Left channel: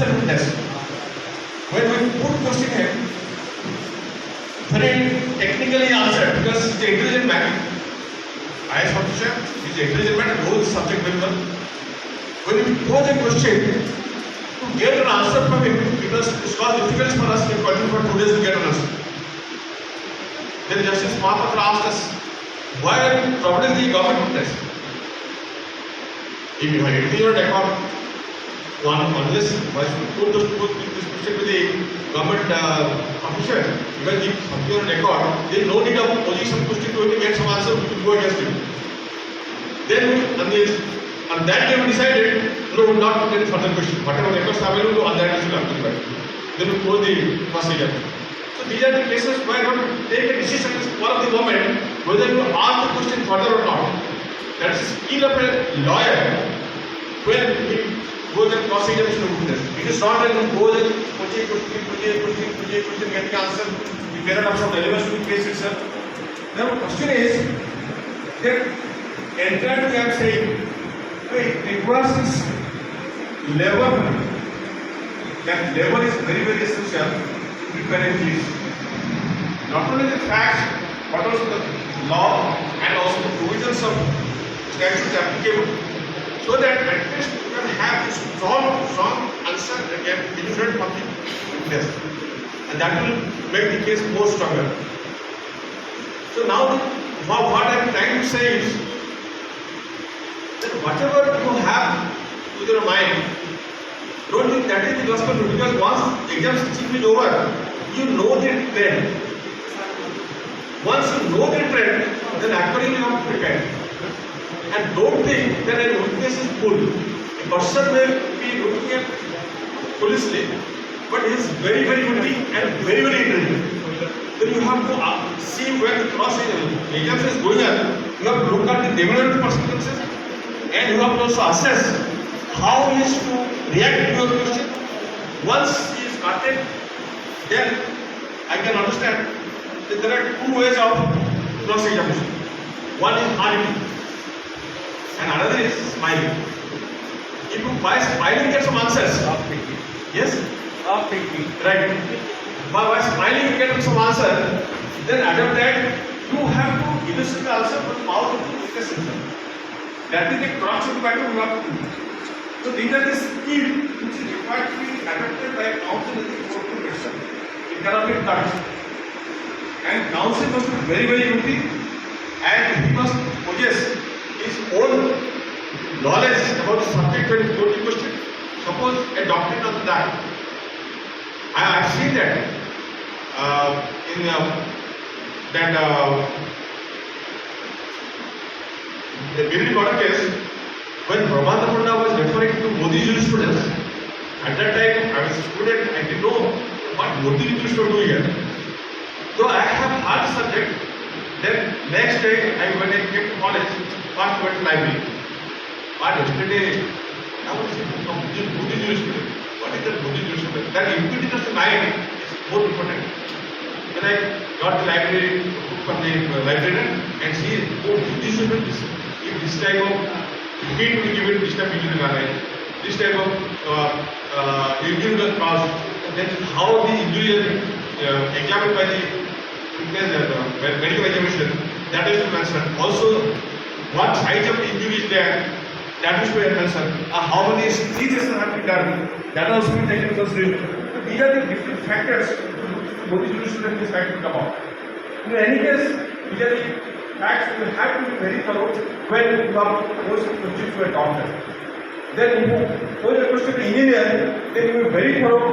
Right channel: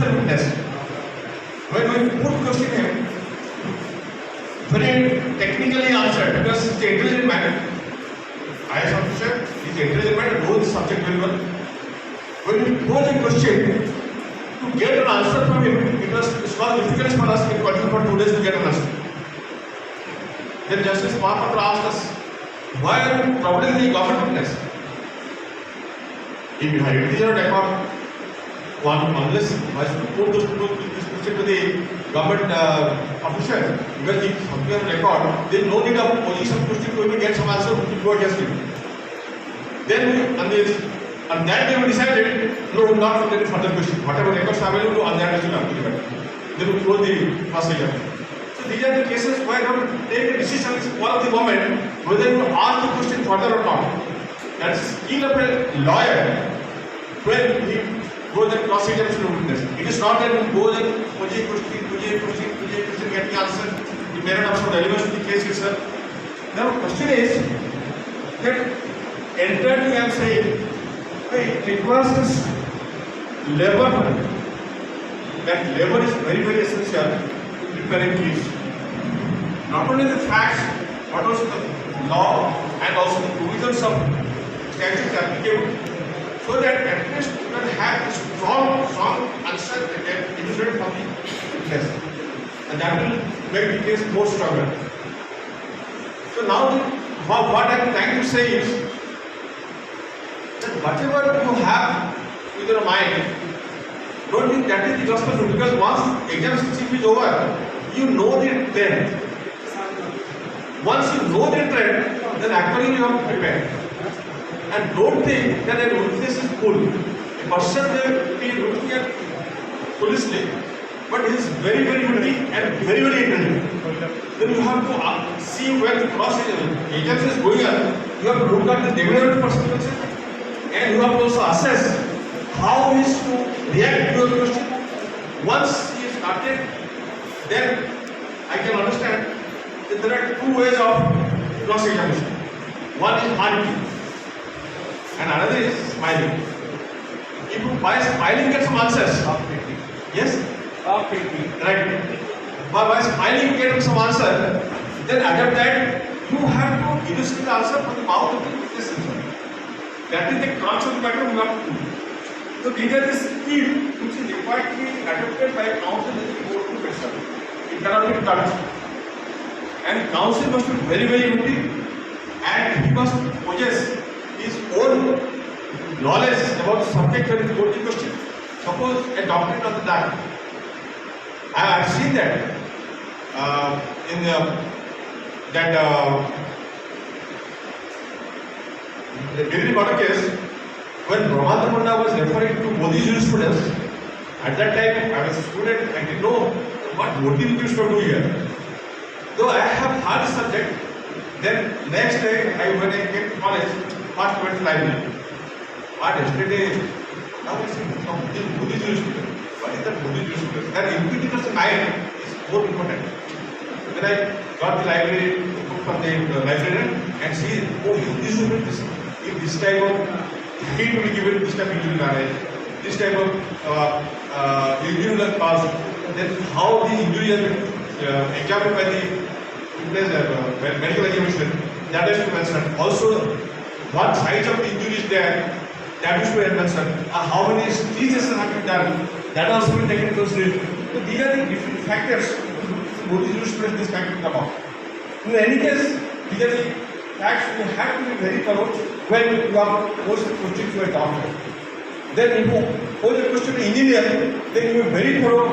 absoluteness. When we put question him, very technically answered because he's an intelligent man. IS officer, he's an intelligent man and knows the subject very well. When we pose a question, to get an answer from him, because it was difficult for us in continue for 2 days to get an answer. Then Justice Mahapatra asked us, why are you troubling the government witness? If you have intelligent record, unless why should you put this question to the government officials? Because if something on record, there is no need of posing some question to him and get some answer which will go against him. Then on that day we decided, no, we will not put any further question. Whatever records are available on that we will apply. Then we close the first exam. So these are the cases where you have to take a decision at one of the moment whether you ask the question further or not. That is skill of a lawyer when he goes and cross examination of witness. It is not that he goes and puts a question, getting answer, the paradox of relevance to the case itself. Now the question is that entered we are saying it requires this labor money. That labor is very, very essential to prepare a case. Not only the facts, but also the law and also the provisions of statutes applicable, so that at least you can have a strong answer that can be different from the witness, and that will make the case more stronger. So now, what I am trying to say is that whatever you have in your mind, don't think that is the gospel, because once exam teaching is over, you know the trend. Once you know the trend, then accordingly you have to prepare. And don't think that a witness is full. A person may be looking at foolishly, but he is very, very witty and very, very intelligent. Then you have to see where the cross exam is going on. You have to look at the development consequences, and you have to also assess how he is to react to your question. Once he started, then I can understand that there are two ways of cross examination. One is hardening, and another is smiling. If you by smiling get some answers, yes, right. By smiling you get some answer, then after that you have to elicit the answer from the mouth of the witness himself. That is the crux of the matter you have to do. So these are the skills which is required to be adopted by counsel in the court profession. It cannot be taught. And counsel must be very, very witty, and he must possess his own knowledge about the subject when he put the question. Suppose a doctrine of that. I have seen that in the Delhi Border case, when Brahmanda Panda was referring to Modi jurisprudence, at that time I was a student, I didn't know what Modi used to do here. Though I have had the subject, then next day when I came to college, first went to library. But yesterday, now it's Modi jurisprudence. What is that Modi jurisprudence? That intuition of the mind is more important. When I got the library book from the librarian and see, oh, this is if this type of need to be given, this type of injury language, this type of injury was passed, then how the injury has been examined by the medical examination, that is to mention. Also, what size of the injury is there, that is to mention. How many stitches have been done, that also been taken into consideration. So these are the different factors Modi jurisprudence this fact will come out. In any case, these are the facts you have to be very thorough when you are posed a question to a doctor. Then if you pose a question to engineer, then you will be very thorough